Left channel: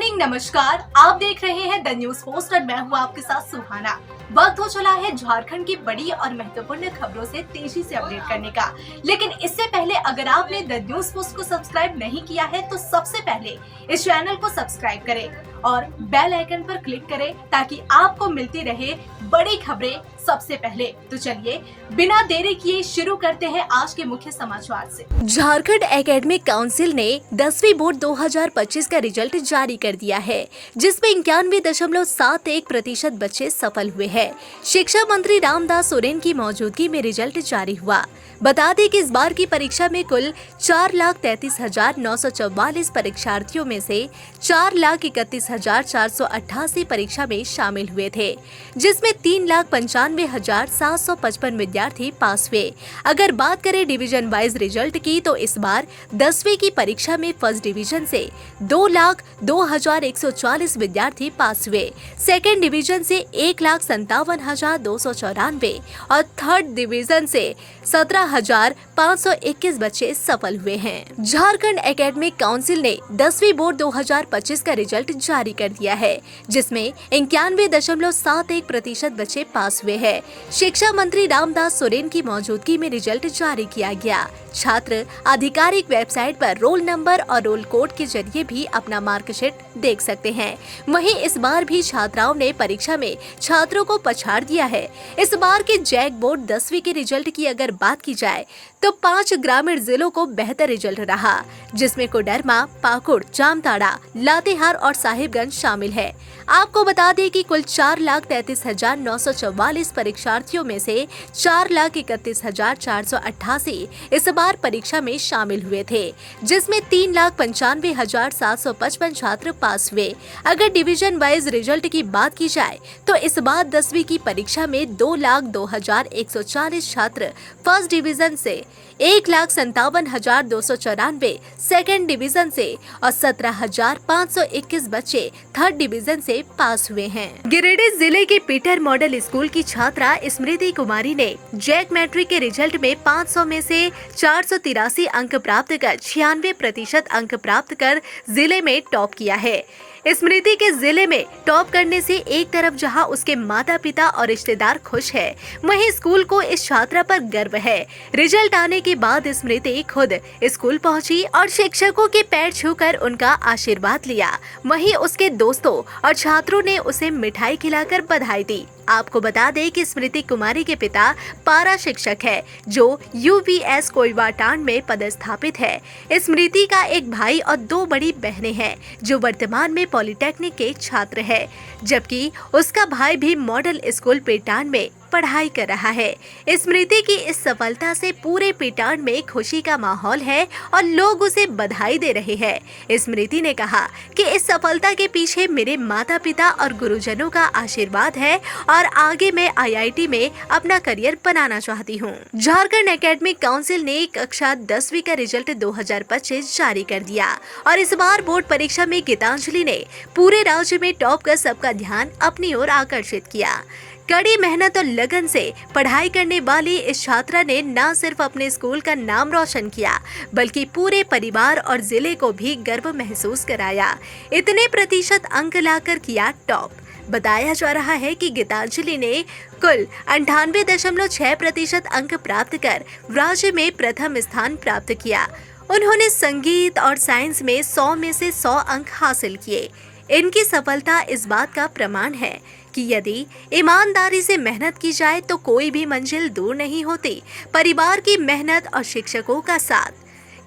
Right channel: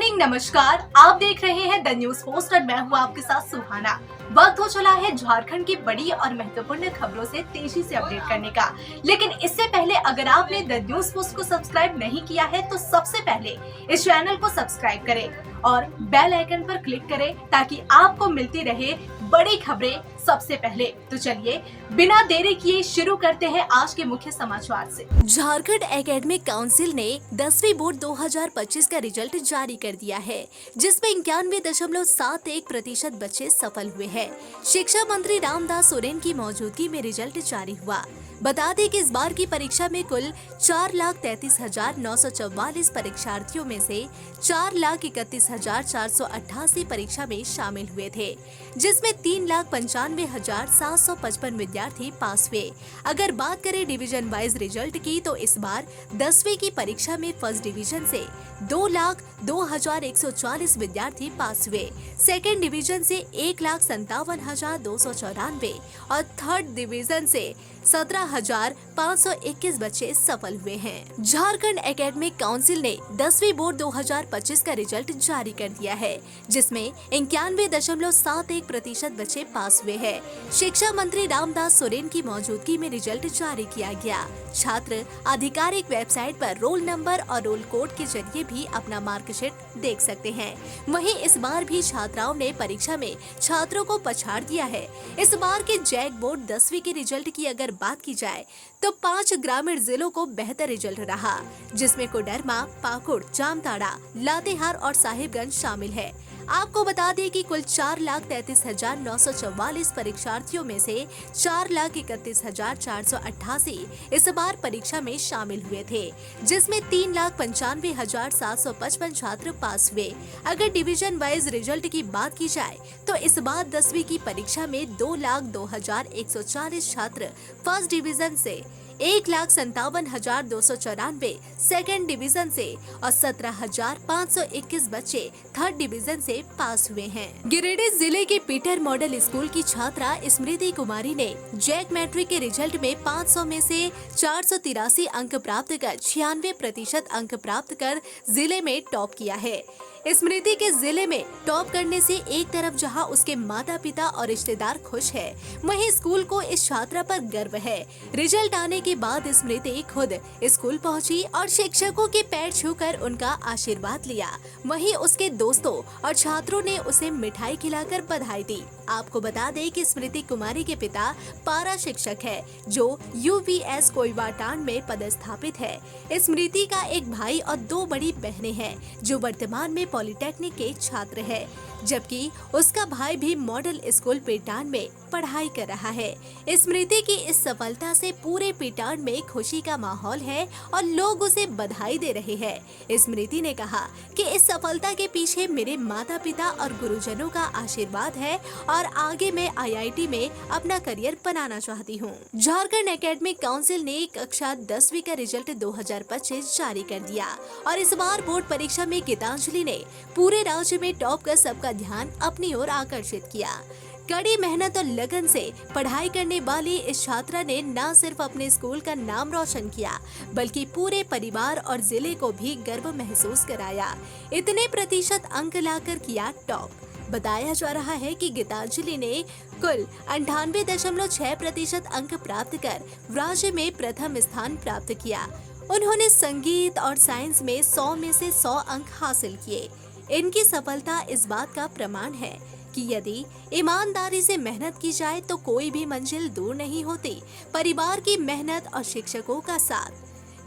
Morning, नमस्कार। आप देख रहे हैं द न्यूज पोस्ट और मैं हूं आपके साथ सुहाना। वक्त हो चला है झारखंड की बड़ी और महत्वपूर्ण खबरों से तेजी से अपडेट करने का। लेकिन इससे पहले अगर आपने द न्यूज पोस्ट को सब्सक्राइब नहीं किया है तो सबसे पहले इस चैनल को सब्सक्राइब करें और बेल आइकन पर क्लिक करें ताकि आपको मिलती रहे बड़ी खबरें सबसे पहले। तो चलिए बिना देरी किए शुरू करते हैं आज के मुख्य समाचार से। झारखंड एकेडमिक काउंसिल ने 10वीं बोर्ड 2025 का रिजल्ट जारी कर दिया है, जिसमें 91.71% बच्चे सफल हुए हैं। शिक्षा मंत्री रामदास सोरेन की मौजूदगी में रिजल्ट जारी हुआ। बता दें कि इस बार की परीक्षा में कुल 4,33,944 परीक्षार्थियों में से 4,31,488 परीक्षा में शामिल हुए थे, जिसमें 3,95,755 विद्यार्थी पास हुए। अगर बात करें डिवीजन वाइज रिजल्ट की तो इस बार 10वीं की परीक्षा में फर्स्ट डिवीजन से 2,02,140 विद्यार्थी पास हुए, सेकेंड डिवीजन से 1,57,294 और थर्ड डिवीजन से 17,521 बच्चे सफल हुए हैं। झारखंड एकेडमिक काउंसिल ने 10वीं बोर्ड 2025 का रिजल्ट जारी कर दिया है, जिसमें 91.71% बच्चे पास हुए हैं। शिक्षा मंत्री रामदास सोरेन की मौजूदगी में रिजल्ट जारी किया गया। छात्र आधिकारिक वेबसाइट पर रोल नंबर और रोल कोड के जरिए भी अपना मार्कशीट देख सकते हैं। वहीं इस बार भी छात्राओं ने परीक्षा में छात्रों को पछाड़ दिया है। इस बार के जैक बोर्ड 10वीं के रिजल्ट की अगर बात की जाए तो 5 ग्रामीण जिलों को बेहतर रिजल्ट रहा, जिसमें कोडरमा, पाकुड़, जामताड़ा, लातेहार और साहिबगंज शामिल है। आपको बता दें कि कुल 4,33,944 परीक्षार्थियों में से 4,31,488 इस बार परीक्षा में शामिल हुए थे, जिसमें 3,95,755 छात्र पास हुए। अगर डिवीजन वाइज रिजल्ट की बात की जाए तो इस बार 10वीं की परीक्षा में 2,02,140 छात्र फर्स्ट डिवीजन से, 1,57,294 सेकेंड डिवीजन से और 17,521 बच्चे थर्ड डिवीजन से पास हुए हैं। गिरिडीह जिले के पीटर मॉडल स्कूल की छात्रा स्मृति कुमारी ने जैक मैट्रिक के रिजल्ट में 500 में से 483 अंक प्राप्त कर 96% अंक प्राप्त कर जिले में टॉप किया है। स्मृति के जिले में टॉप करने से एक तरफ जहां उसके माता पिता और रिश्तेदार खुश हैं, वहीं स्कूल को इस छात्रा पर गर्व है। रिजल्ट आने के बाद स्मृति खुद स्कूल पहुंची और शिक्षकों के पैर छूकर उनका आशीर्वाद लिया। वहीं उसके दोस्तों और छात्रों ने उसे मिठाई खिलाकर बधाई दी। आपको बता दें कि स्मृति कुमारी के पिता पारा शिक्षक है, जो UVS कोइवाटांड में पदस्थापित है। स्मृति का एक भाई और 2 बड़ी बहनें हैं, जो वर्तमान में पॉलिटेक्निक के छात्र है, जबकि उसका भाई भी मॉडल स्कूल पेटान में पढ़ाई कर रहा है। स्मृति की इस सफलता से पूरे पेटान में खुशी का माहौल है और लोग उसे बधाई दे रहे हैं। स्मृति ने कहा कि इस सफलता के पीछे मेरे माता पिता और गुरुजनों का आशीर्वाद है और आगे मैं IIT में अपना करियर बनाना चाहती हूँ। झारखंड एकेडमिक काउंसिल ने कक्षा 10वीं का रिजल्ट 2025 जारी कर दिया और इस बार बोर्ड परीक्षा में गीतांजलि ने पूरे राज्य में टॉप कर सबका ध्यान अपनी ओर आकर्षित किया। कड़ी मेहनत और लगन से पढ़ाई करने वाली इस छात्रा ने न सिर्फ अपने स्कूल का नाम रोशन किया, बल्कि पूरे परिवार और जिले को भी गर्व महसूस कराया। इतने प्रतिशत अंक लाकर किया टॉप। बताया जा रहा है कि गीतांजलि ने कुल 98.6% अंक प्राप्त कर राज्य में प्रथम स्थान प्राप्त किया। उन्होंने संगीत और साइंस में 100 में से 100 अंक हासिल किए। इनकी सफलता इस बात का प्रमाण है कि यदि ईमानदारी से मेहनत की जाए तो कोई भी मंजिल दूर नहीं होती। परिवार की मेहनत और शिक्षकों का साथ।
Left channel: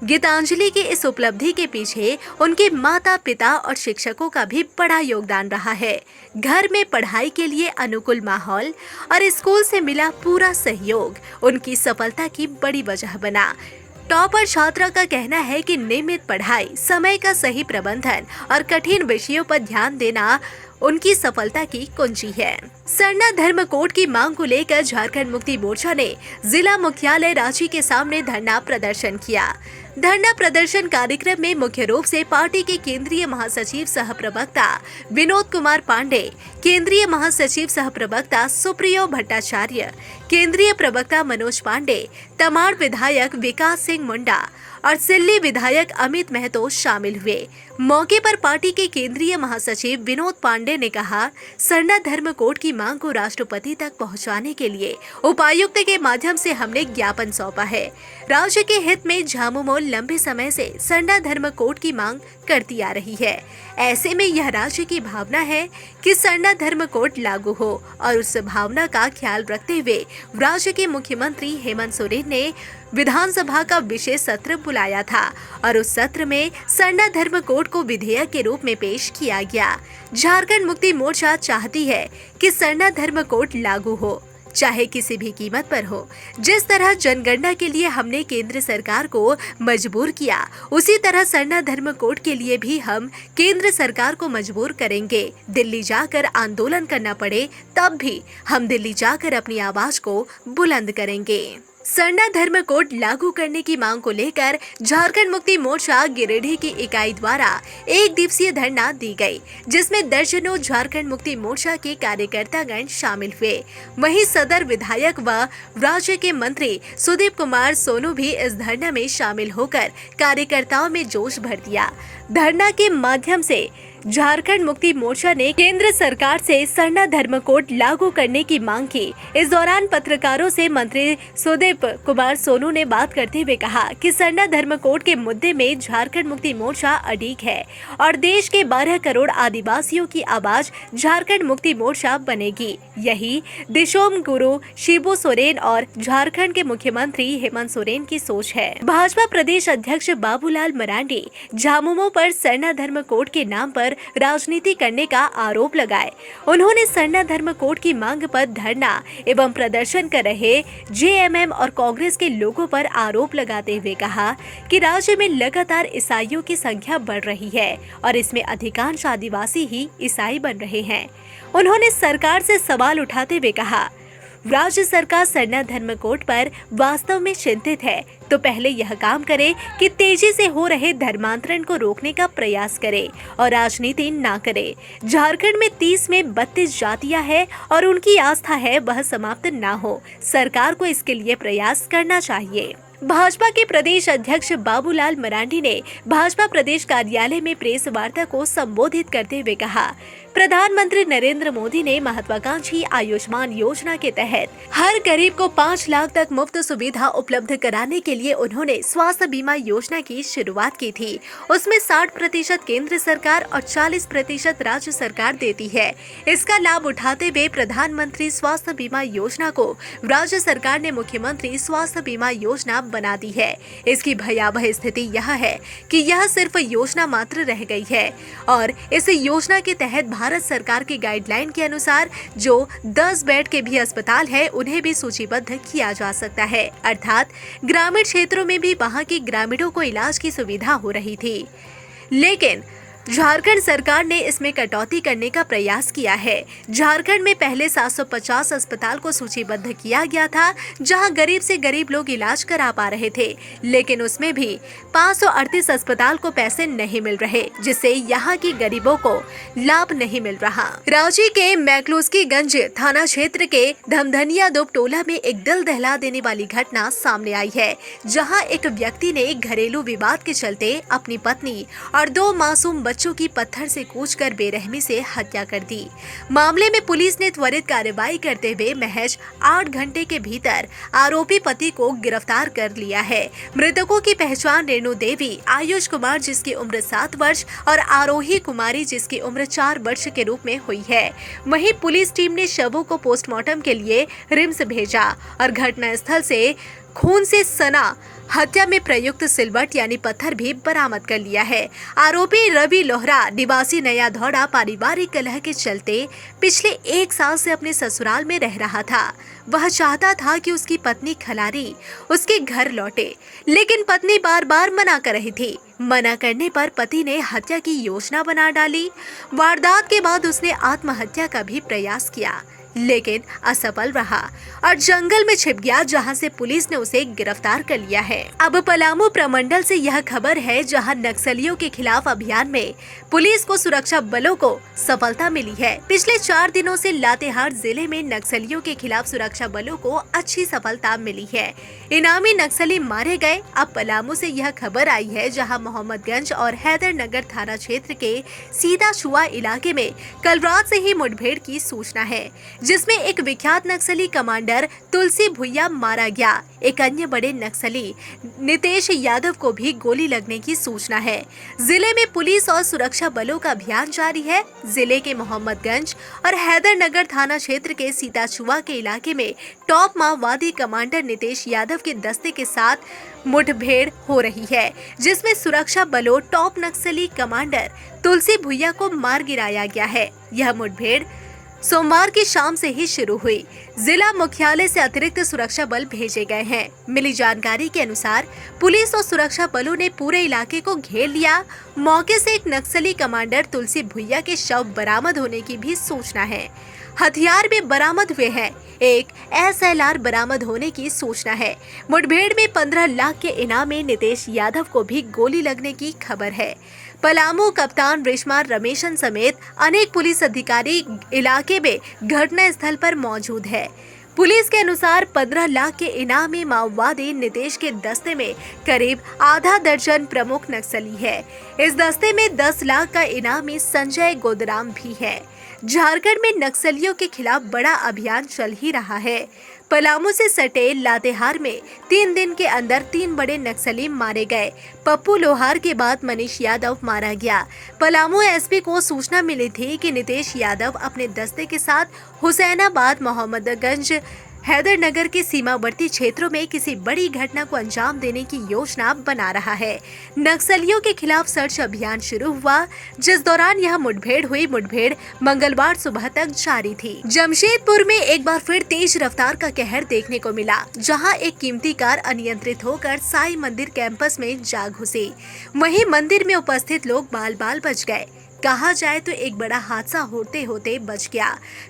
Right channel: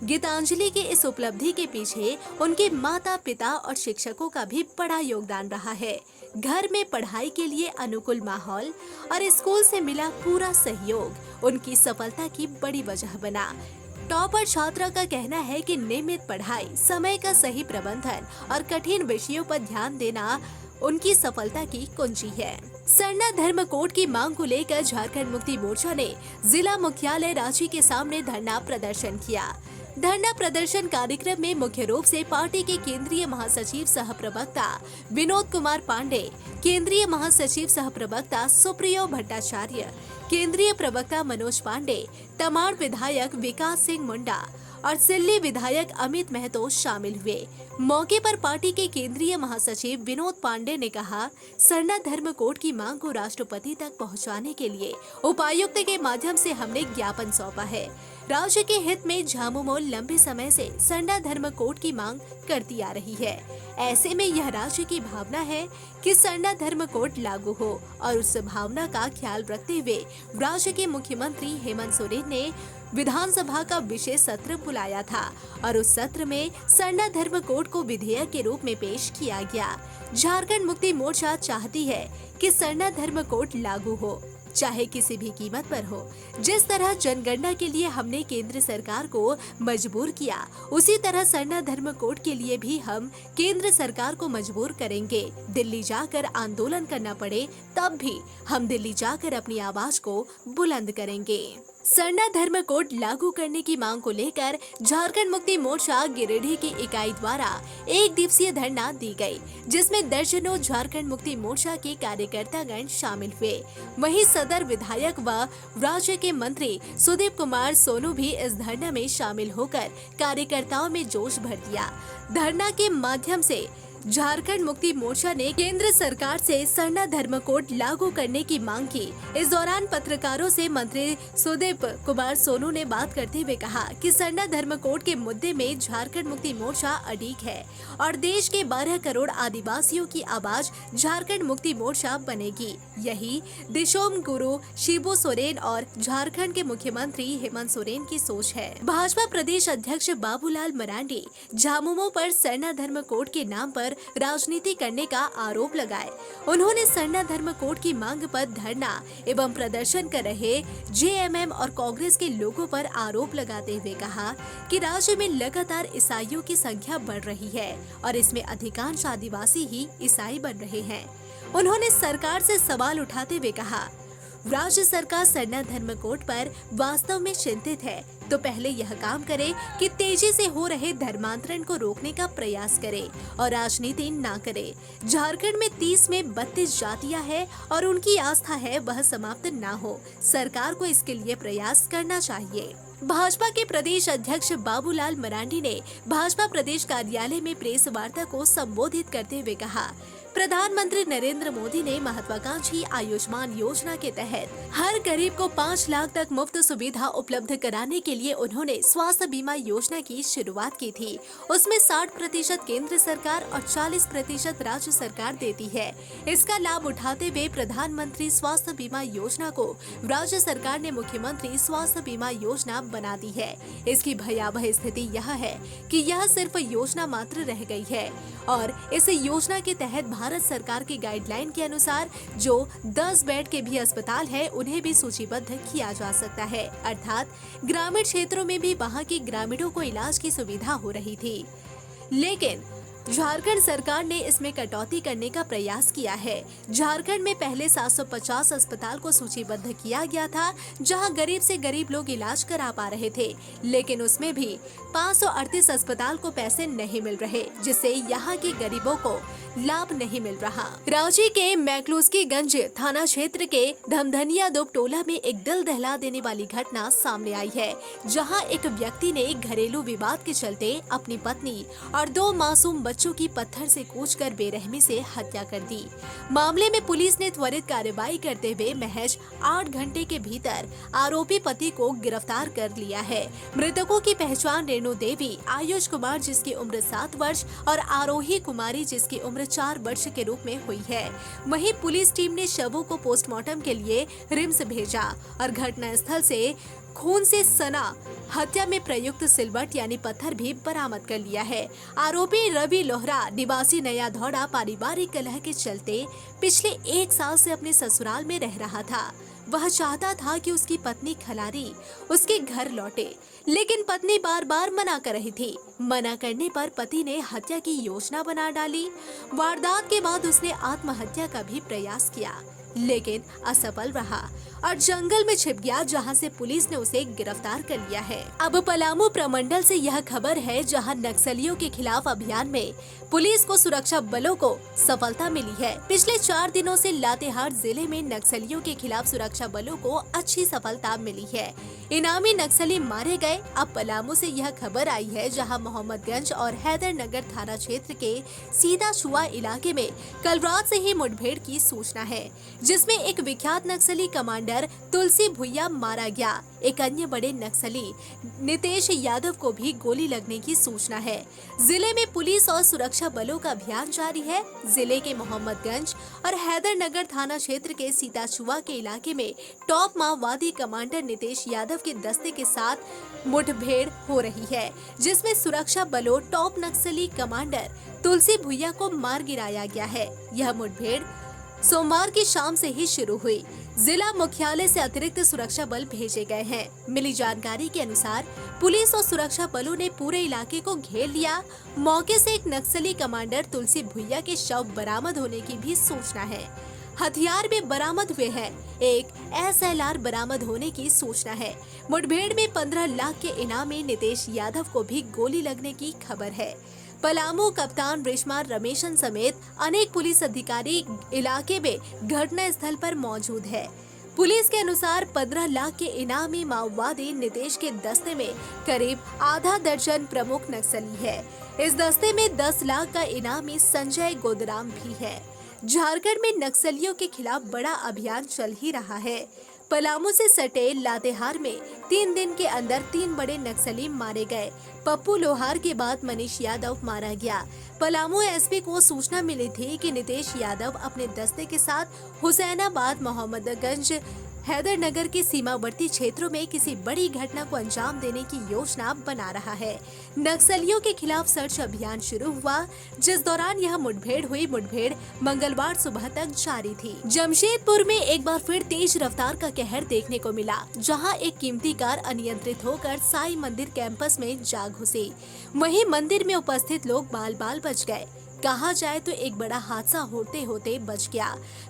गीतांजलि की इस उपलब्धि के पीछे उनके माता पिता और शिक्षकों का भी बड़ा योगदान रहा है। घर में पढ़ाई के लिए अनुकूल माहौल और स्कूल से मिला पूरा सहयोग उनकी सफलता की बड़ी वजह बना। टॉपर छात्रा का कहना है कि नियमित पढ़ाई, समय का सही प्रबंधन और कठिन विषयों पर ध्यान देना उनकी सफलता की कुंजी है। सरना धर्म कोड की मांग को लेकर झारखंड मुक्ति मोर्चा ने जिला मुख्यालय रांची के सामने धरना प्रदर्शन किया। धरना प्रदर्शन कार्यक्रम में मुख्य रूप से पार्टी के केंद्रीय महासचिव सह प्रवक्ता विनोद कुमार पांडे, केंद्रीय महासचिव सह प्रवक्ता सुप्रियो भट्टाचार्य, केंद्रीय प्रवक्ता मनोज पांडे, तमाड़ विधायक विकास सिंह मुंडा और सिल्ली विधायक अमित महतो शामिल हुए। मौके पर पार्टी के केंद्रीय महासचिव विनोद पांडे ने कहा, सरना धर्म कोड की मांग को राष्ट्रपति तक पहुंचाने के लिए उपायुक्त के माध्यम से हमने ज्ञापन सौंपा है। राज्य के हित में झामुमो लंबे समय से सरना धर्म कोड की मांग करती आ रही है। ऐसे में यह राज्य की भावना है कि सरना धर्म कोड लागू हो और उस भावना का ख्याल रखते हुए राज्य के मुख्यमंत्री हेमंत सोरेन ने विधानसभा का विशेष सत्र बुलाया था और उस सत्र में सरना धर्म कोड को विधेयक के रूप में पेश किया गया। झारखंड मुक्ति मोर्चा चाहती है कि सरना धर्म कोड लागू हो, चाहे किसी भी कीमत पर हो। जिस तरह जनगणना के लिए हमने केंद्र सरकार को मजबूर किया, उसी तरह सरना धर्म कोड के लिए भी हम केंद्र सरकार को मजबूर करेंगे। दिल्ली जाकर आंदोलन करना पड़े तब भी हम दिल्ली जाकर अपनी आवाज को बुलंद करेंगे। सरना धर्म कोड लागू करने की मांग को लेकर झारखंड मुक्ति मोर्चा गिरिडीह की इकाई द्वारा एक दिवसीय धरना दी गई, जिसमें दर्जनों झारखंड मुक्ति मोर्चा के कार्यकर्तागण शामिल हुए। वहीं सदर विधायक व राज्य के मंत्री सुदीप कुमार सोनू भी इस धरना में शामिल होकर कार्यकर्ताओं में जोश भर दिया। धरना के माध्यम से झारखंड मुक्ति मोर्चा ने केंद्र सरकार से सरना धर्म कोड लागू करने की मांग की। इस दौरान पत्रकारों से मंत्री सुदीप कुमार सोनू ने बात करते हुए कहा कि सरना धर्म कोड के मुद्दे में झारखंड मुक्ति मोर्चा अडिग है और देश के 12 करोड़ आदिवासियों की आवाज झारखंड मुक्ति मोर्चा बनेगी। यही दिशोम गुरु शिबू सोरेन और झारखंड के मुख्यमंत्री हेमंत सोरेन की सोच है। भाजपा प्रदेश अध्यक्ष बाबूलाल मरांडी झामुमो पर सरना धर्म कोड के नाम पर राजनीति करने का आरोप लगाए। उन्होंने सरना धर्म कोड की मांग पर धरना एवं प्रदर्शन कर रहे जेएमएम और कांग्रेस के लोगों पर आरोप लगाते हुए कहा कि राज्य में लगातार ईसाइयों की संख्या बढ़ रही है और इसमें अधिकांश आदिवासी ही ईसाई बन रहे हैं। उन्होंने सरकार से सवाल उठाते हुए कहा, राज्य सरकार सरना धर्म कोड पर वास्तव में चिंतित है तो पहले यह काम करे कि तेजी से हो रहे धर्मांतरण को रोकने का प्रयास करे और राजनीति ना करे। झारखंड में 30 में 32 जातियां हैं और उनकी आस्था है वह समाप्त ना हो। सरकार को इसके लिए प्रयास करना चाहिए। भाजपा के प्रदेश अध्यक्ष बाबूलाल मरांडी ने भाजपा प्रदेश कार्यालय में प्रेस वार्ता को संबोधित करते हुए कहा, प्रधानमंत्री नरेंद्र मोदी ने महत्वाकांक्षी आयुष्मान योजना के तहत हर गरीब को 5 लाख तक मुफ्त सुविधा उपलब्ध कराने के लिए उन्होंने स्वास्थ्य बीमा योजना की शुरुआत की थी। उसमें 60% केंद्र सरकार और 40% राज्य सरकार देती है। इसका लाभ उठाते हुए प्रधानमंत्री स्वास्थ्य बीमा योजना को राज्य सरकार ने मुख्यमंत्री स्वास्थ्य बीमा योजना बना दी है। इसकी भयावह स्थिति यह है कि यह सिर्फ योजना मात्र रह गई है और इस योजना के तहत भारत सरकार की गाइडलाइन के अनुसार जो 10 बेड के भी अस्पताल है उन्हें भी सूचीबद्ध किया जा सकता है। अर्थात ग्रामीण क्षेत्रों में भी वहां के ग्रामीणों को इलाज की सुविधा हो रही थी, लेकिन झारखंड सरकार ने इसमें कटौती करने का प्रयास किया है। झारखंड में पहले 750 अस्पताल को सूचीबद्ध किया गया था जहां गरीब से गरीब लोग इलाज करा पा रहे थे, लेकिन उसमें भी 538 अस्पताल को पैसे नहीं मिल रहे, जिससे यहां के गरीबों को लाभ नहीं मिल रहा। रांची के मैक्लूस्कीगंज थाना क्षेत्र के धमधनिया दोप टोला में एक दिल दहला देने वाली घटना सामने आई है, जहाँ एक व्यक्ति ने घरेलू विवाद के चलते अपनी पत्नी और 2 मासूम बच्चों की पत्थर से कूचकर बेरहमी से हत्या कर दी। मामले में पुलिस ने त्वरित कार्रवाई करते हुए महज 8 घंटे के भीतर आरोपी पति को गिरफ्तार कर लिया है। मृतकों की पहचान रेणु देवी, आयुष कुमार जिसकी उम्र 7 वर्ष और आरोही कुमारी जिसकी उम्र 4 वर्ष के रूप में हुई है। वहीं पुलिस टीम ने शवों को पोस्टमार्टम के लिए रिम्स भेजा और घटनास्थल से खून से सना हत्या में प्रयुक्त सिलवट यानी पत्थर भी बरामद कर लिया है। आरोपी रवि लोहरा निवासी नया धौड़ा पारिवारिक कलह के चलते पिछले 1 साल से अपने ससुराल में रह रहा था। वह चाहता था कि उसकी पत्नी खलारी उसके घर लौटे, लेकिन पत्नी बार बार मना कर रही थी। मना करने पर पति ने हत्या की योजना बना डाली। वारदात के बाद उसने आत्महत्या का भी प्रयास किया। लेकिन असफल रहा और जंगल में छिप गया, जहां से पुलिस ने उसे गिरफ्तार कर लिया है। अब पलामू प्रमंडल से यह खबर है, जहां नक्सलियों के खिलाफ अभियान में पुलिस को सुरक्षा बलों को सफलता मिली है। पिछले 4 दिनों से लातेहार जिले में नक्सलियों के खिलाफ सुरक्षा बलों को अच्छी सफलता मिली है। इनामी नक्सली मारे गए। अब पलामू से यह खबर आई है, जहां मोहम्मदगंज और हैदरनगर थाना क्षेत्र के सीताछुआ इलाके में कल रात से ही मुठभेड़ की सूचना है, जिसमें एक विख्यात नक्सली कमांडर तुलसी भुइया मारा गया। एक अन्य बड़े नक्सली नितेश यादव को भी गोली लगने की सूचना है। जिले में पुलिस और सुरक्षा बलों का अभियान जारी है। जिले के मोहम्मदगंज और हैदरनगर थाना क्षेत्र के सीताछुआ के इलाके में टॉप माओवादी कमांडर नितेश यादव के दस्ते के साथ मुठभेड़ हो रही है, जिसमें सुरक्षा बलों टॉप नक्सली कमांडर तुलसी भुइया को मार गिराया गया है। यह मुठभेड़ सोमवार की शाम से ही शुरू हुई। जिला मुख्यालय से अतिरिक्त सुरक्षा बल भेजे गए हैं। मिली जानकारी के अनुसार पुलिस और सुरक्षा बलों ने पूरे इलाके को घेर लिया। मौके से एक नक्सली कमांडर तुलसी भुइया के शव बरामद होने की भी सूचना है। हथियार भी बरामद हुए हैं। एक SLR बरामद होने की सूचना है। मुठभेड़ में 15 लाख के इनाम में नितेश यादव को भी गोली लगने की खबर है। पलामू कप्तान रेशमा रमेशन समेत अनेक पुलिस अधिकारी इलाके में घटना स्थल पर मौजूद है। पुलिस के अनुसार 15 लाख के इनामी माओवादी नितेश के दस्ते में करीब आधा दर्जन प्रमुख नक्सली है। इस दस्ते में 10 लाख का इनामी संजय गोदराम भी है। झारखंड में नक्सलियों के खिलाफ बड़ा अभियान चल ही रहा है। पलामू से सटे लातेहार में 3 दिन के अंदर 3 बड़े नक्सली मारे गए। पप्पू लोहार के बाद मनीष यादव मारा गया। पलामू SP को सूचना मिली थी कि नितेश यादव अपने दस्ते के साथ हुसैनाबाद, मोहम्मदगंज, हैदरनगर के सीमावर्ती क्षेत्रों में किसी बड़ी घटना को अंजाम देने की योजना बना रहा है। नक्सलियों के खिलाफ सर्च अभियान शुरू हुआ, जिस दौरान यह मुठभेड़ हुई। मुठभेड़ मंगलवार सुबह तक जारी थी। जमशेदपुर में एक बार फिर तेज रफ्तार का कहर देखने को मिला, जहां एक कीमती कार अनियंत्रित होकर साईं मंदिर कैंपस में जा घुसी। वहीं मंदिर में उपस्थित लोग बाल बाल बच गए। कहा जाए तो एक बड़ा हादसा होते होते बच गया।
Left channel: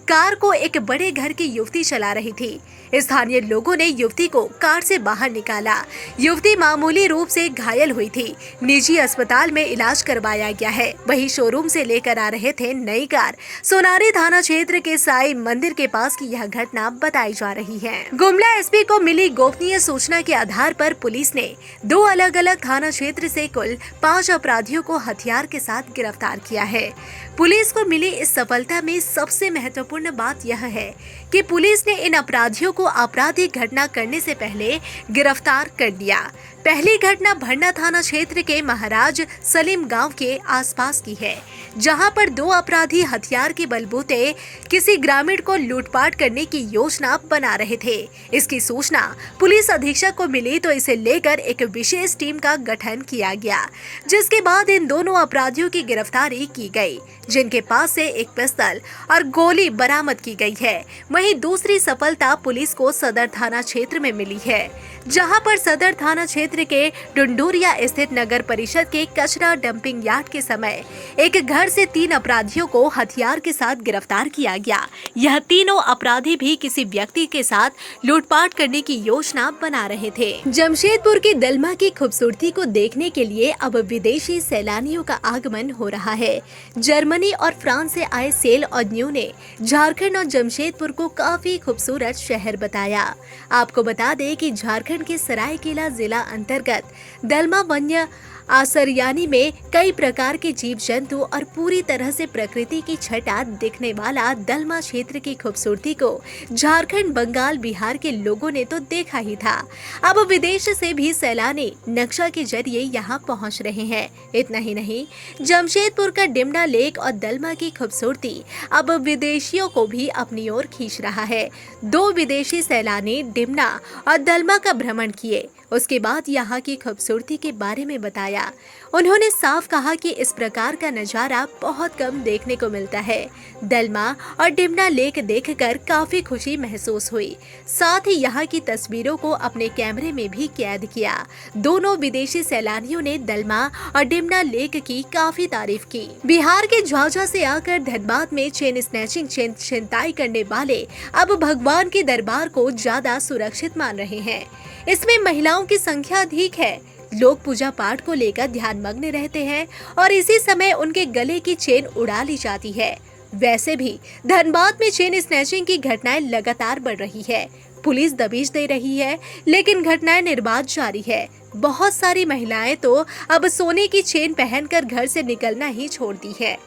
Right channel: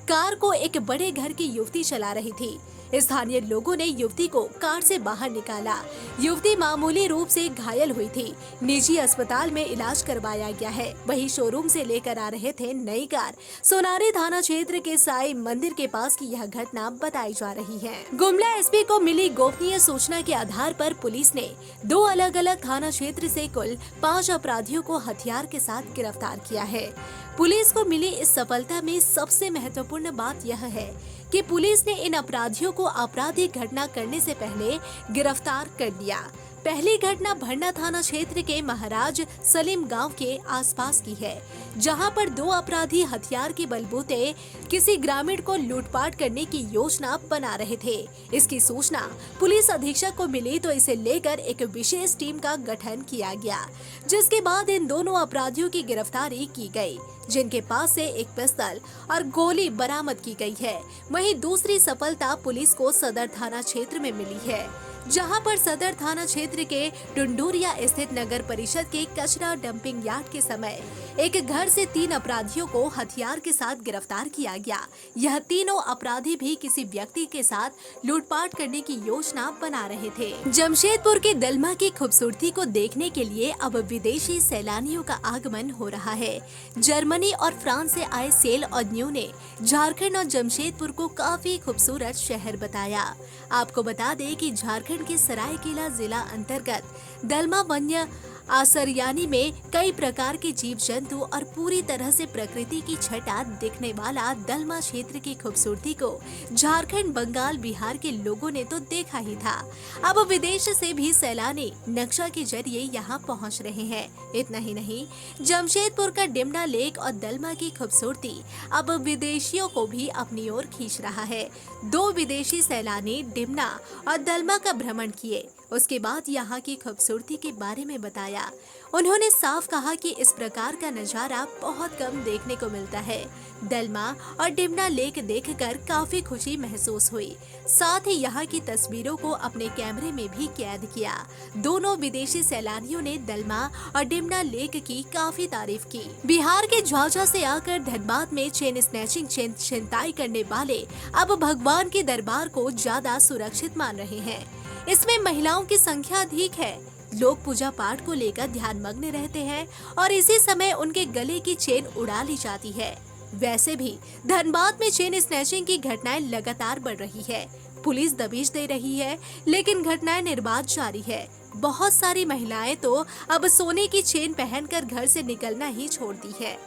कार को एक बड़े घर की युवती चला रही थी। स्थानीय लोगों ने युवती को कार से बाहर निकाला। युवती मामूली रूप से घायल हुई थी। निजी अस्पताल में इलाज करवाया गया है। वहीं शोरूम से लेकर आ रहे थे नई कार। सोनारी थाना क्षेत्र के साईं मंदिर के पास की यह घटना बताई जा रही है। गुमला SP को मिली गोपनीय सूचना के आधार पर पुलिस ने 2 अलग अलग थाना क्षेत्र से कुल 5 अपराधियों को हथियार के साथ गिरफ्तार किया है। पुलिस को मिली इस सफलता में सबसे महत्वपूर्ण बात यह है कि पुलिस ने इन अपराधियों को आपराधिक घटना करने से पहले गिरफ्तार कर लिया। पहली घटना भरना थाना क्षेत्र के महाराज सलीम गांव के आसपास की है, जहां पर 2 अपराधी हथियार के बलबूते किसी ग्रामीण को लूटपाट करने की योजना बना रहे थे। इसकी सूचना पुलिस अधीक्षक को मिली तो इसे लेकर एक विशेष टीम का गठन किया गया, जिसके बाद इन दोनों अपराधियों की गिरफ्तारी की गई, जिनके पास से एक पिस्तौल और गोली बरामद की गई है। वहीं दूसरी सफलता पुलिस को सदर थाना क्षेत्र में मिली है, जहां पर सदर थाना क्षेत्र के डुंडूरिया स्थित नगर परिषद के कचरा डंपिंग यार्ड के समय एक घर से 3 अपराधियों को हथियार के साथ गिरफ्तार किया गया। यह तीनों अपराधी भी किसी व्यक्ति के साथ लूटपाट करने की योजना बना रहे थे। जमशेदपुर के दलमा की खूबसूरती को देखने के लिए अब विदेशी सैलानियों का आगमन हो रहा है। जर्मनी और फ्रांस से आए सेल और न्यू ने झारखंड और जमशेदपुर को काफी खूबसूरत शहर बताया। आपको बता दें कि झारखंड के सरायकेला जिला अंतर्गत दलमा वन्य आसरयानी में कई प्रकार के जीव जंतु और पूरी तरह से प्रकृति की छटा दिखने वाला दलमा क्षेत्र की खूबसूरती को झारखंड, बंगाल, बिहार के लोगों ने तो देखा ही था। अब विदेश से भी सैलानी नक्शा के जरिए यहां पहुंच रहे हैं। इतना ही नहीं, जमशेदपुर का डिमना लेक और दलमा की खूबसूरती अब विदेशियों को भी अपनी ओर खींच रहा है। 2 विदेशी सैलानी डिमना और दलमा का भ्रमण किए, उसके बाद यहाँ की खूबसूरती के बारे में बताया। उन्होंने साफ कहा कि इस प्रकार का नजारा बहुत कम देखने को मिलता है। दलमा और डिमना लेक देखकर काफी खुशी महसूस हुई। साथ ही यहाँ की तस्वीरों को अपने कैमरे में भी कैद किया। दोनों विदेशी सैलानियों ने दलमा और डिमना लेक की काफी तारीफ की। बिहार के झाझा से आकर धनबाद में चेन स्नैचिंग छिनताई करने वाले अब भगवान के दरबार को ज्यादा सुरक्षित मान रहे हैं। इसमें महिलाओं की संख्या अधिक है। लोग पूजा पाठ को लेकर ध्यान मग्न रहते हैं और इसी समय उनके गले की चेन उड़ा ली जाती है। वैसे भी धनबाद में चेन स्नैचिंग की घटनाएं लगातार बढ़ रही है। पुलिस दबिश दे रही है, लेकिन घटनाएं निर्बाध जारी है। बहुत सारी महिलाएं तो अब सोने की चेन पहनकर घर से निकलना ही छोड़ दी है।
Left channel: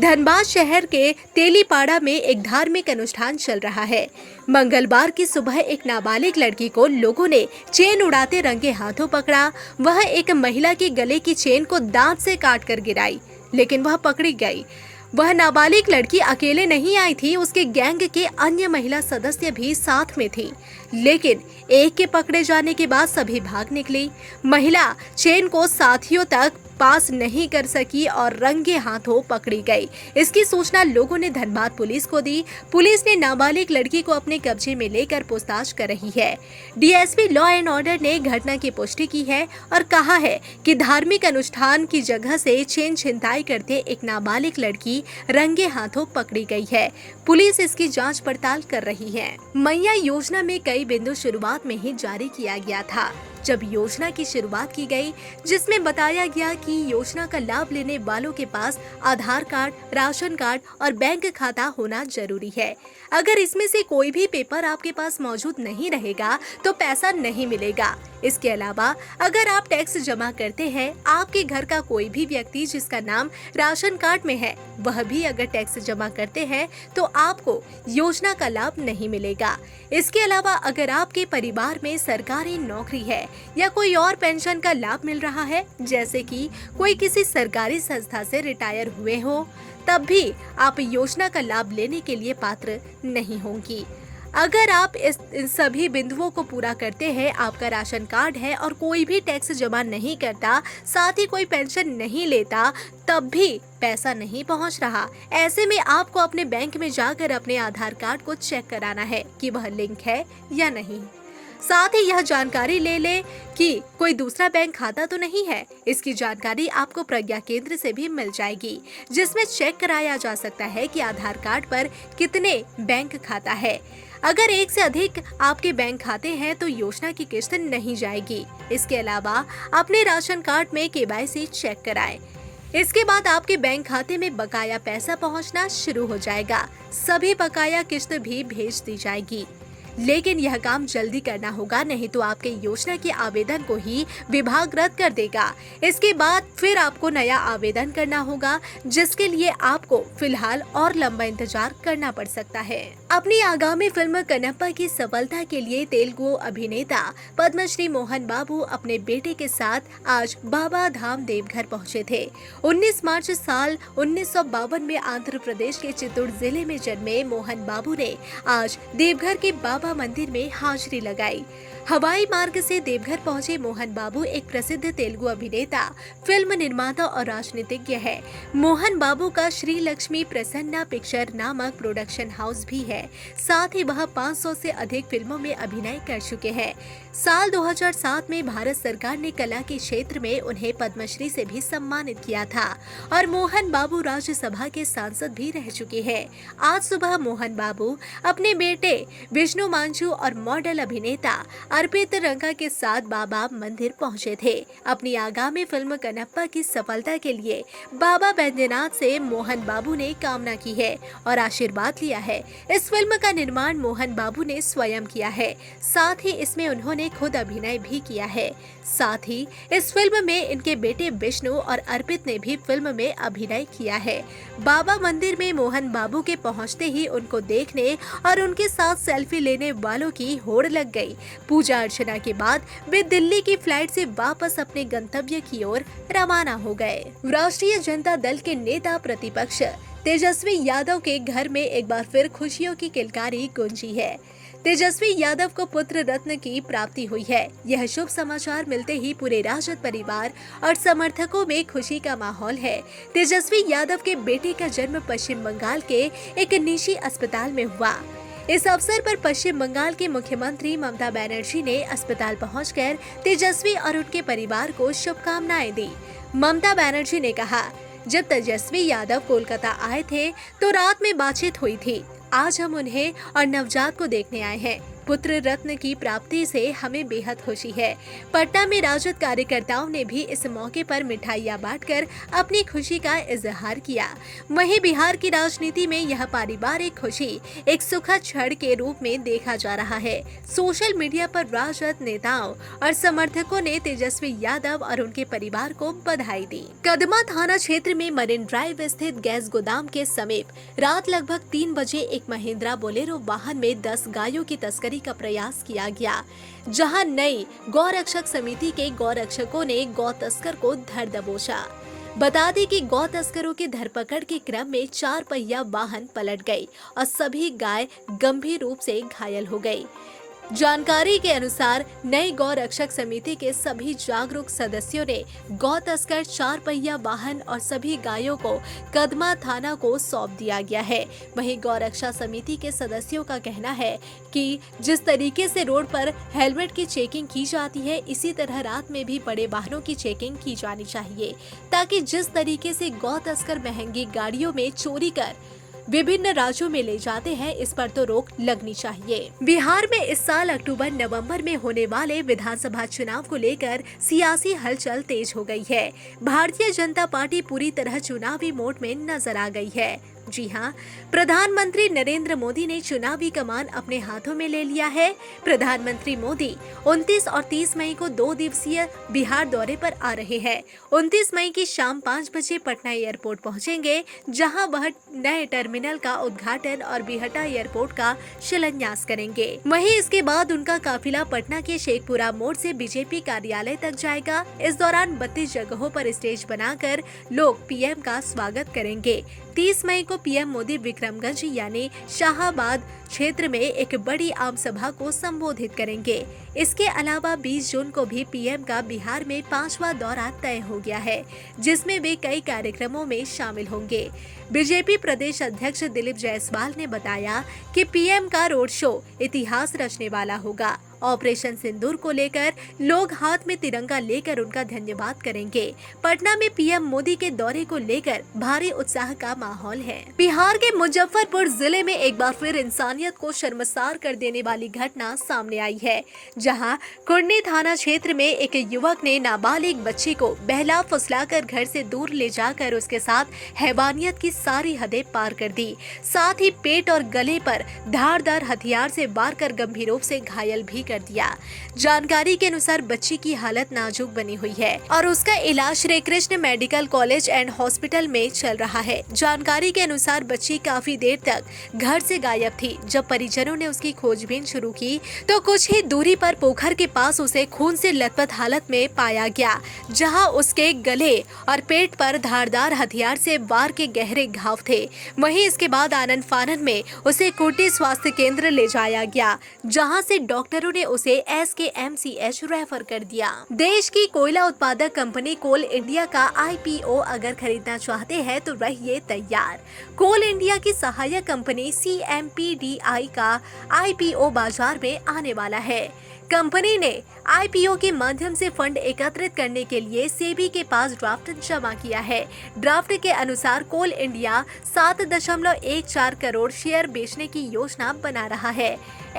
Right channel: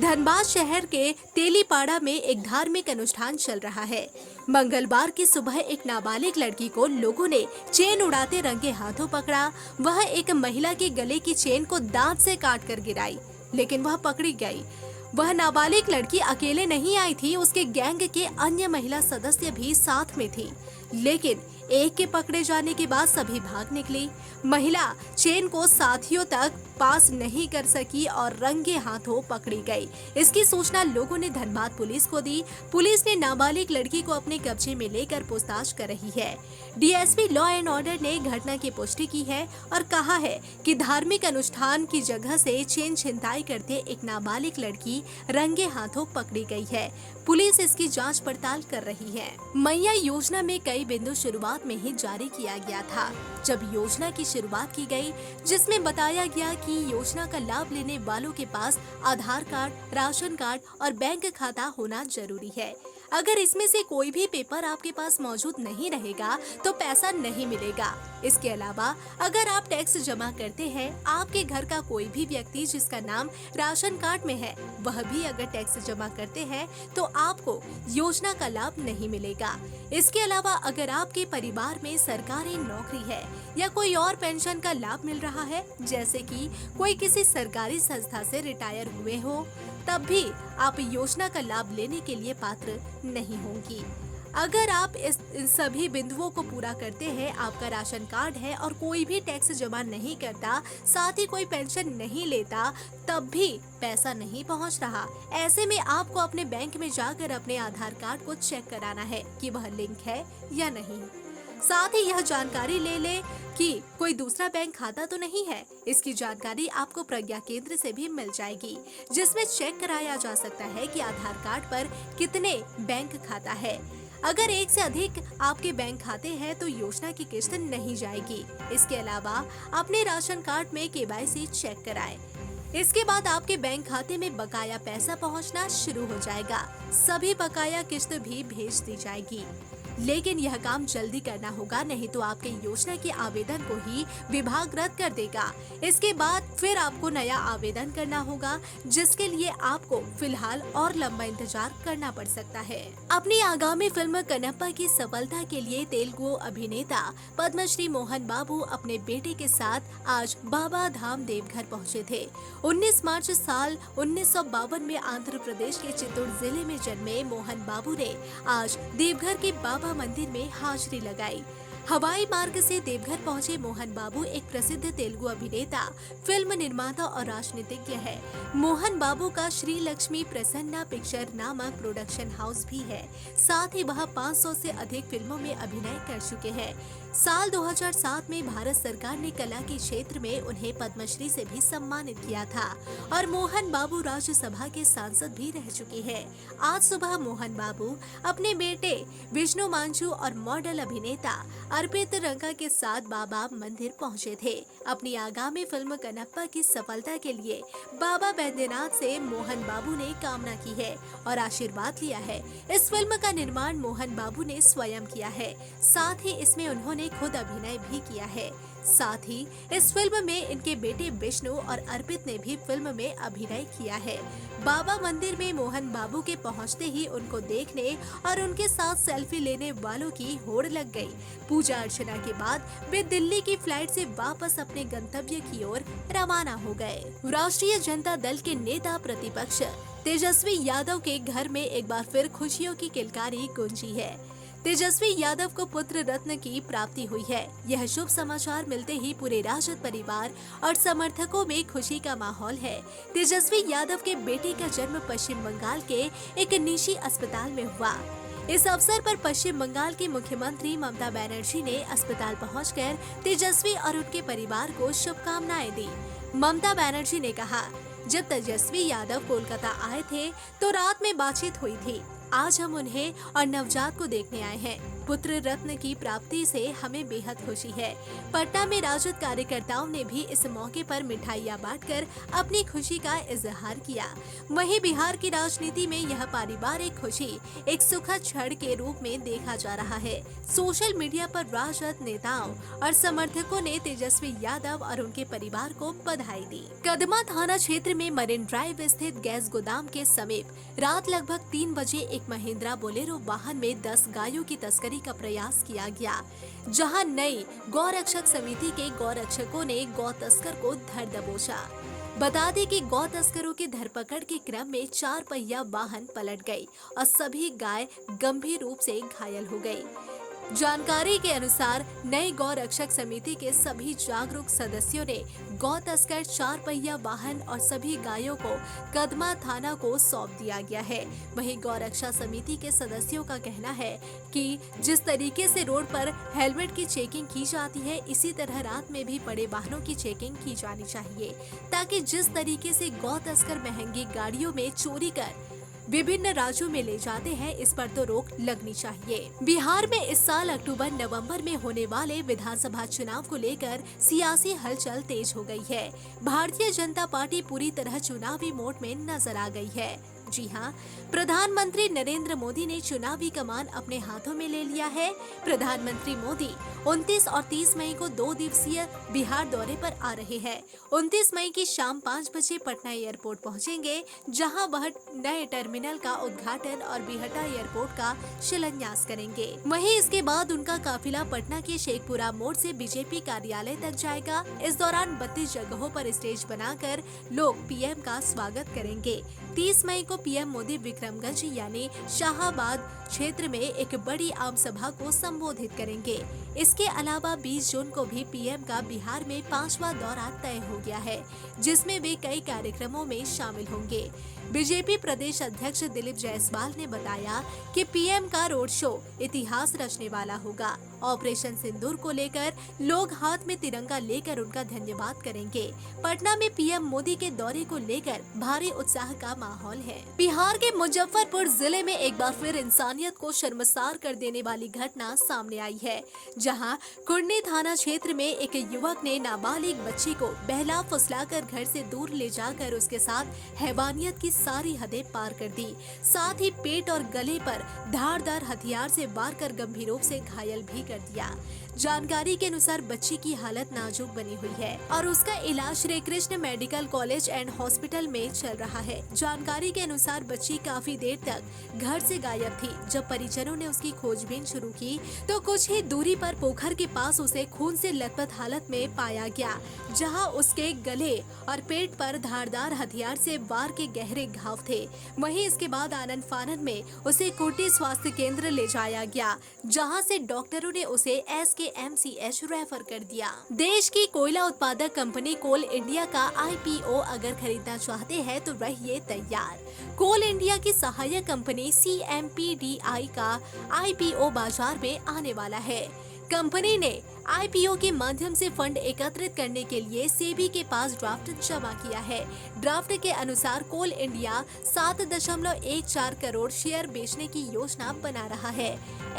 धनबाद शहर के तेलीपाड़ा में एक धार्मिक अनुष्ठान चल रहा है। मंगलवार की सुबह एक नाबालिग लड़की को लोगों ने चेन उड़ाते रंगे हाथों पकड़ा। वह एक महिला के गले की चेन को दांत से काट कर गिराई, लेकिन वह पकड़ी गई। वह नाबालिग लड़की अकेले नहीं आई थी, उसके गैंग के अन्य महिला सदस्य भी साथ में थी, लेकिन एक के पकड़े जाने के बाद सभी भाग निकली। महिला चेन को साथियों तक पास नहीं कर सकी और रंगे हाथों पकड़ी गई। इसकी सूचना लोगों ने धनबाद पुलिस को दी। पुलिस ने नाबालिग लड़की को अपने कब्जे में लेकर पूछताछ कर रही है। डीएसपी लॉ एंड ऑर्डर ने घटना की पुष्टि की है और कहा है कि धार्मिक अनुष्ठान की जगह से चेन छिनताई करते एक नाबालिग लड़की रंगे हाथों पकड़ी गई है। पुलिस इसकी जांच पड़ताल कर रही है। मैया योजना में कई बिंदु शुरुआत में ही जारी किया गया था। जब योजना की शुरुआत की गई, जिसमें बताया गया कि योजना का लाभ लेने वालों के पास आधार कार्ड, राशन कार्ड और बैंक खाता होना जरूरी है। अगर इसमें से कोई भी पेपर आपके पास मौजूद नहीं रहेगा तो पैसा नहीं मिलेगा। इसके अलावा अगर आप टैक्स जमा करते हैं, आपके घर का कोई भी व्यक्ति जिसका नाम राशन कार्ड में है, वह भी अगर टैक्स जमा करते हैं तो आपको योजना का लाभ नहीं मिलेगा। इसके अलावा अगर आपके परिवार में सरकारी नौकरी है या कोई और पेंशन का लाभ मिल रहा है, जैसे कि कोई किसी सरकारी संस्था से रिटायर हुए हो, तब भी आप योजना का लाभ लेने के लिए पात्र नहीं होंगी। अगर आप इन सभी बिंदुओं को पूरा करते हैं, आपका राशन कार्ड है और कोई भी टैक्स जमा नहीं करता, साथ ही कोई पेंशन नहीं लेता, तब भी पैसा नहीं पहुंच रहा। ऐसे में आपको अपने बैंक में जाकर अपने आधार कार्ड को चेक कराना है कि वह लिंक है या नहीं। साथ ही यह जानकारी ले कि कोई दूसरा बैंक खाता तो नहीं है। इसकी जानकारी आपको प्रज्ञा केंद्र से भी मिल जाएगी, जिसमें चेक कराया जा सकता है कि आधार कार्ड पर कितने बैंक खाता है। अगर एक से अधिक आपके बैंक खाते हैं तो योजना की किस्त नहीं जाएगी। इसके अलावा अपने राशन कार्ड में केवाईसी चेक कराएं। इसके बाद आपके बैंक खाते में बकाया पैसा पहुंचना शुरू हो जाएगा। सभी बकाया किस्त भी भेज दी जाएगी, लेकिन यह काम जल्दी करना होगा, नहीं तो आपके योजना के आवेदन को ही विभाग रद्द कर देगा। इसके बाद फिर आपको नया आवेदन करना होगा, जिसके लिए आपको फिलहाल और लंबा इंतजार करना पड़ सकता है। अपनी आगामी फिल्म कनप्पा की सफलता के लिए तेलुगु अभिनेता पद्मश्री मोहन बाबू अपने बेटे के साथ आज बाबा धाम देवघर पहुंचे थे। 19 मार्च साल 1952 में आंध्र प्रदेश के चित्तूर जिले में जन्मे मोहन बाबू ने आज देवघर के बाबा मंदिर में हाजिरी लगाई। हवाई मार्ग से देवघर पहुंचे मोहन बाबू एक प्रसिद्ध तेलुगु अभिनेता, फिल्म निर्माता और राजनीतिज्ञ है। मोहन बाबू का श्री लक्ष्मी प्रसन्ना पिक्चर नामक प्रोडक्शन हाउस भी है। साथ ही वह 500 से अधिक फिल्मों में अभिनय कर चुके हैं। साल 2007 में भारत सरकार ने कला के क्षेत्र में उन्हें पद्मश्री से भी सम्मानित किया था और मोहन बाबू राज्यसभा के सांसद भी रह चुके हैं। आज सुबह मोहन बाबू अपने बेटे विष्णु मांझू और मॉडल अभिनेता अर्पित रंगा के साथ बाबा मंदिर पहुंचे थे। अपनी आगामी फिल्म कनप्पा की सफलता के लिए बाबा बैद्यनाथ से मोहन बाबू ने कामना की है और आशीर्वाद लिया है। इस फिल्म का निर्माण मोहन बाबू ने स्वयं किया है। साथ ही इसमें उन्होंने खुद अभिनय भी किया है। साथ ही इस फिल्म में इनके बेटे विष्णु और अर्पित ने भी फिल्म में अभिनय किया है। बाबा मंदिर में मोहन बाबू के पहुंचते ही उनको देखने और उनके साथ सेल्फी लेने वालों की होड़ लग गई। पूजा अर्चना के बाद वे दिल्ली की फ्लाइट से वापस अपने गंतव्य की ओर रवाना हो गए। राष्ट्रीय जनता दल के नेता प्रतिपक्ष तेजस्वी यादव के घर में एक बार फिर खुशियों की किलकारी गूंजी है। तेजस्वी यादव को पुत्र रत्न की प्राप्ति हुई है। यह शुभ समाचार मिलते ही पूरे राजद परिवार और समर्थकों में खुशी का माहौल है। तेजस्वी यादव के बेटे का जन्म पश्चिम बंगाल के एक निजी अस्पताल में हुआ। इस अवसर पर पश्चिम बंगाल के मुख्यमंत्री ममता बनर्जी ने अस्पताल पहुंचकर तेजस्वी और उनके परिवार को शुभकामनाएं दी। ममता बनर्जी ने कहा, जब तेजस्वी यादव कोलकाता आए थे तो रात में बातचीत हुई थी। आज हम उन्हें और नवजात को देखने आए हैं। पुत्र रत्न की प्राप्ति से हमें बेहद खुशी है। पटना में राजद कार्यकर्ताओं ने भी इस मौके पर मिठाइयां बांटकर अपनी खुशी का इजहार किया। वहीं बिहार की राजनीति में यह पारिवारिक खुशी एक सुखद क्षण के रूप में देखा जा रहा है। सोशल मीडिया पर राजद नेताओं और समर्थकों ने तेजस्वी यादव और उनके परिवार को बधाई दी। कदमा थाना क्षेत्र में मरीन ड्राइव स्थित गैस गोदाम के समीप रात लगभग 3 बजे एक महिंद्रा बोलेरो वाहन में 10 गायों की तस्करी का प्रयास किया गया, जहां नई गौरक्षक समिति के गौरक्षकों ने गौ तस्कर को धर दबोचा। बता दें कि गौ तस्करों की धरपकड़ के क्रम में 4 पहिया वाहन पलट गई और सभी गाय गंभीर रूप से घायल हो गई। जानकारी के अनुसार नई गौ रक्षक समिति के सभी जागरूक सदस्यों ने गौ तस्कर 4 पहिया वाहन और सभी गायों को कदमा थाना को सौंप दिया गया है। वहीं गौ रक्षा समिति के सदस्यों का कहना है कि जिस तरीके से रोड पर हेलमेट की चेकिंग की जाती है, इसी तरह रात में भी बड़े वाहनों की चेकिंग की जानी चाहिए, ताकि जिस तरीके से गौ तस्कर महंगी गाड़ियों में चोरी कर विभिन्न राज्यों में ले जाते हैं, इस पर तो रोक लगनी चाहिए। बिहार में इस साल अक्टूबर-नवंबर में होने वाले विधानसभा चुनाव को लेकर सियासी हलचल तेज हो गई है। भारतीय जनता पार्टी पूरी तरह चुनावी मोड में नजर आ गई है। जी हां, प्रधानमंत्री नरेंद्र मोदी ने चुनावी कमान अपने हाथों में ले लिया है। प्रधानमंत्री मोदी 29 और 30 मई को 2 दिवसीय बिहार दौरे पर आ रहे हैं। 29 मई की शाम 5 बजे पटना एयरपोर्ट पहुंचेंगे, जहां वह नए टर्मिनल का उद्घाटन और बिहटा एयरपोर्ट का शिलान्यास करेंगे। वहीं इसके बाद उनका काफिला पटना के शेखपुरा मोड़ से बीजेपी कार्यालय तक जाएगा। इस दौरान 32 जगहों पर स्टेज बनाकर लोग पीएम का स्वागत करेंगे। 30 मई को पीएम मोदी विक्रमगंज यानी शाहाबाद क्षेत्र में एक बड़ी आम सभा को संबोधित करेंगे। इसके अलावा 20 जून को भी पीएम का बिहार में 5वां दौरा तय हो गया है, जिसमें वे कई कार्यक्रमों में शामिल होंगे। बीजेपी प्रदेश अध्यक्ष दिलीप जायसवाल ने बताया कि पीएम का रोड शो इतिहास रचने वाला होगा। ऑपरेशन सिंदूर को लेकर लोग हाथ में तिरंगा लेकर उनका धन्यवाद करेंगे। पटना में पीएम मोदी के दौरे को लेकर भारी उत्साह का माहौल है। बिहार के मुजफ्फरपुर जिले में एक बार फिर इंसानियत को शर्मसार कर देने वाली घटना सामने आई है, जहां कुर्नी थाना क्षेत्र में एक युवक ने नाबालिग बच्ची को बहला फुसलाकर घर से दूर ले जाकर उसके साथ हैवानियत की सारी हदें पार कर दी। साथ ही पेट और गले पर धारदार हथियार से वार कर गंभीर रूप से घायल भी कर दिया। जानकारी के अनुसार बच्ची की हालत नाजुक बनी हुई है और उसका इलाज Shri Krishna medical college and hospital में चल रहा है। जानकारी के अनुसार बच्ची काफी देर तक घर से गायब थी। जब परिजनों ने उसकी खोजबीन शुरू की तो कुछ ही दूरी पर पोखर के पास उसे खून से लथपथ हालत में पाया गया, जहां उसके गले और पेट पर धारदार हथियार से वार के गहरे घाव थे। वहीं इसके बाद आनन फानन में उसे कोटी स्वास्थ्य केंद्र ले जाया गया, जहां से डॉक्टरों ने उसे SKMCH रेफर कर दिया। देश की कोयला उत्पादक कंपनी कोल इंडिया का IPO अगर खरीदना चाहते हैं तो रहिए तैयार। कोल इंडिया की सहायक कंपनी CMPDI का IPO बाजार में आने वाला है। कंपनी ने IPO के माध्यम से फंड एकत्रित करने के लिए सेबी के पास ड्राफ्ट जमा किया है। ड्राफ्ट के अनुसार कोल इंडिया 7.14 करोड़ शेयर बेचने की योजना बना रहा है।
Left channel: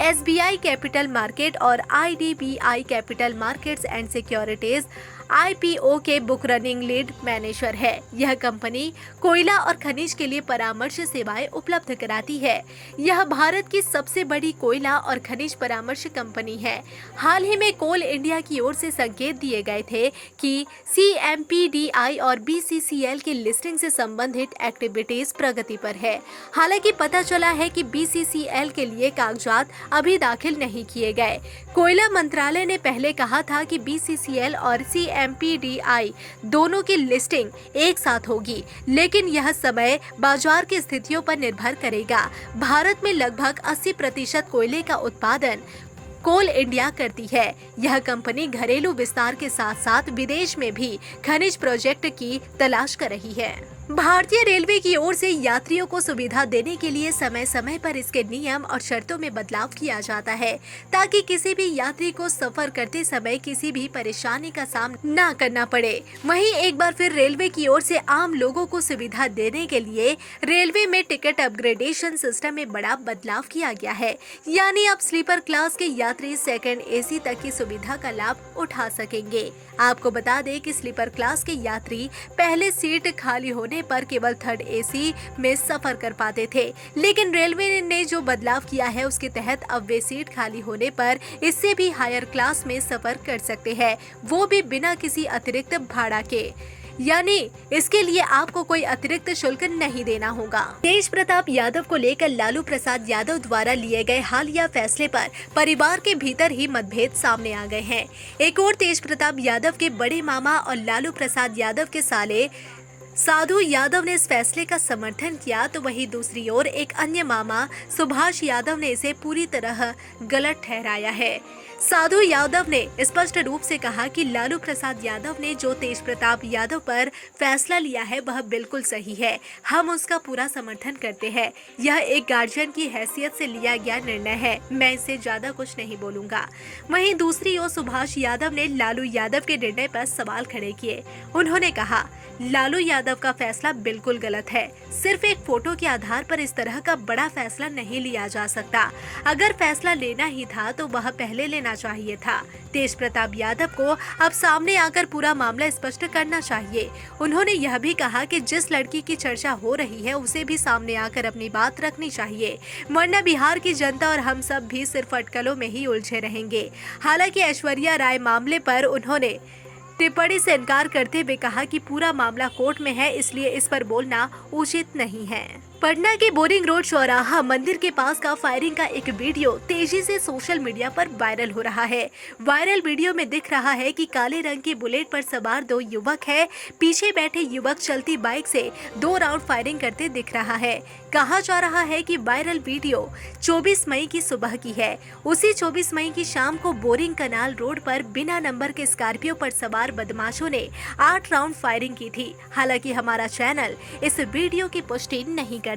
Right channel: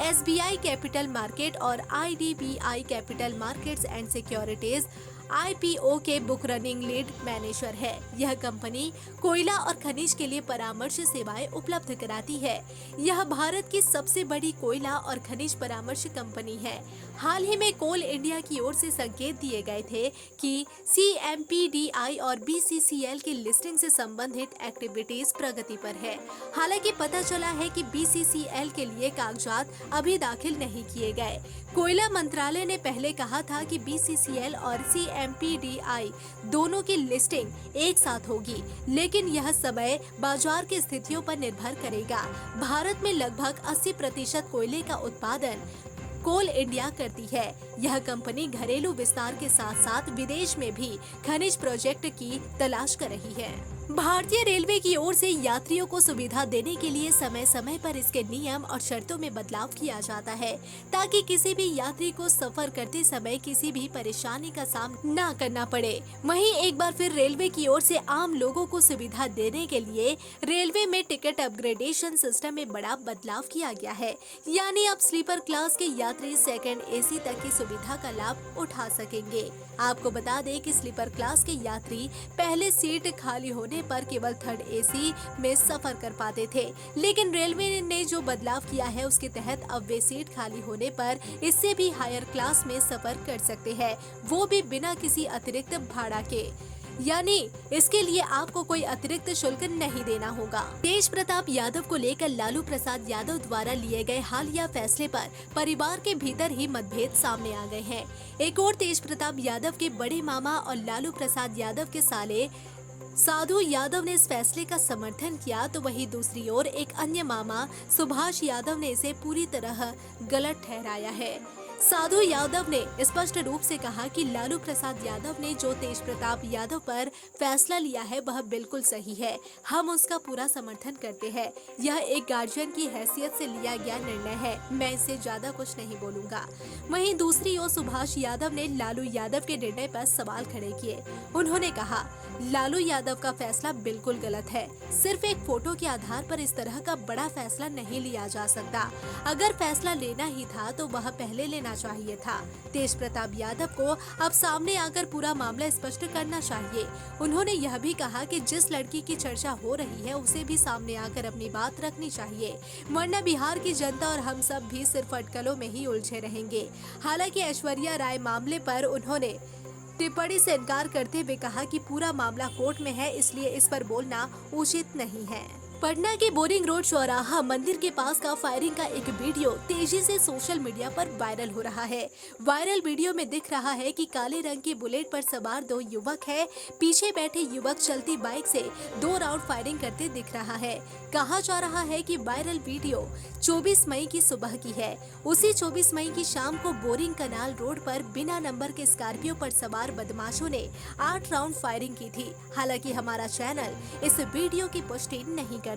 SBI कैपिटल मार्केट और IDBI capital markets and securities IPO के बुक रनिंग लीड मैनेजर है। यह कंपनी कोयला और खनिज के लिए परामर्श सेवाएं उपलब्ध कराती है। यह भारत की सबसे बड़ी कोयला और खनिज परामर्श कंपनी है। हाल ही में कोल इंडिया की ओर से संकेत दिए गए थे कि CMPDI और BCCL की लिस्टिंग से संबंधित एक्टिविटीज प्रगति पर है। हालांकि पता चला है कि BCCL के लिए कागजात अभी दाखिल नहीं किए गए। कोयला मंत्रालय ने पहले कहा था कि BCCL और MPDI दोनों की लिस्टिंग एक साथ होगी, लेकिन यह समय बाजार की स्थितियों पर निर्भर करेगा। भारत में लगभग 80% कोयले का उत्पादन कोल इंडिया करती है। यह कंपनी घरेलू विस्तार के साथ साथ विदेश में भी खनिज प्रोजेक्ट की तलाश कर रही है। भारतीय रेलवे की ओर से यात्रियों को सुविधा देने के लिए समय समय पर इसके नियम और शर्तों में बदलाव किया जाता है, ताकि किसी भी यात्री को सफर करते समय किसी भी परेशानी का सामना न करना पड़े। वहीं एक बार फिर रेलवे की ओर से आम लोगों को सुविधा देने के लिए रेलवे में टिकट अपग्रेडेशन सिस्टम में बड़ा बदलाव किया गया है। यानी अब स्लीपर क्लास के यात्री सेकंड AC तक की सुविधा का लाभ उठा सकेंगे। आपको बता दें कि स्लीपर क्लास के यात्री पहले सीट खाली होने पर केवल थर्ड AC में सफर कर पाते थे, लेकिन रेलवे ने जो बदलाव किया है उसके तहत अब वे सीट खाली होने पर इससे भी हायर क्लास में सफर कर सकते हैं, वो भी बिना किसी अतिरिक्त भाड़ा के। यानी इसके लिए आपको कोई अतिरिक्त शुल्क नहीं देना होगा। तेज प्रताप यादव को लेकर लालू प्रसाद यादव द्वारा लिए गए हालिया फैसले पर परिवार के भीतर ही मतभेद सामने आ गए हैं। एक और तेज प्रताप यादव के बड़े मामा और लालू प्रसाद यादव के साले साधु यादव ने इस फैसले का समर्थन किया, तो वहीं दूसरी ओर एक अन्य मामा सुभाष यादव ने इसे पूरी तरह गलत ठहराया है। साधु यादव ने स्पष्ट रूप से कहा कि लालू प्रसाद यादव ने जो तेज प्रताप यादव पर फैसला लिया है वह बिल्कुल सही है, हम उसका पूरा समर्थन करते हैं। यह एक गार्जियन की हैसियत से लिया गया निर्णय है, मैं इससे ज्यादा कुछ नहीं बोलूंगा। वहीं दूसरी ओर सुभाष यादव ने लालू यादव के निर्णय पर सवाल खड़े किए। उन्होंने कहा, लालू यादव का फैसला बिल्कुल गलत है। सिर्फ एक फोटो के आधार पर इस तरह का बड़ा फैसला नहीं लिया जा सकता। अगर फैसला लेना ही था तो वह पहले लेना चाहिए था। तेज प्रताप यादव को अब सामने आकर पूरा मामला स्पष्ट करना चाहिए। उन्होंने यह भी कहा कि जिस लड़की की चर्चा हो रही है उसे भी सामने आकर अपनी बात रखनी चाहिए, वरना बिहार की जनता और हम सब भी सिर्फ अटकलों में ही उलझे रहेंगे। हालांकि ऐश्वर्या राय मामले पर उन्होंने टिप्पणी से इनकार करते हुए कहा कि पूरा मामला कोर्ट में है, इसलिए इस पर बोलना उचित नहीं है। पटना के बोरिंग रोड चौराहा मंदिर के पास का फायरिंग का एक वीडियो तेजी से सोशल मीडिया पर वायरल हो रहा है। वायरल वीडियो में दिख रहा है कि काले रंग की बुलेट पर सवार 2 युवक है। पीछे बैठे युवक चलती बाइक से 2 राउंड फायरिंग करते दिख रहा है। कहा जा रहा है कि वायरल वीडियो 24 मई की सुबह की है। उसी 24 मई की शाम को बोरिंग कनाल रोड पर बिना नंबर के स्कॉर्पियो पर सवार बदमाशों ने 8 राउंड फायरिंग की थी। हालांकि हमारा चैनल इस वीडियो की पुष्टि नहीं करता।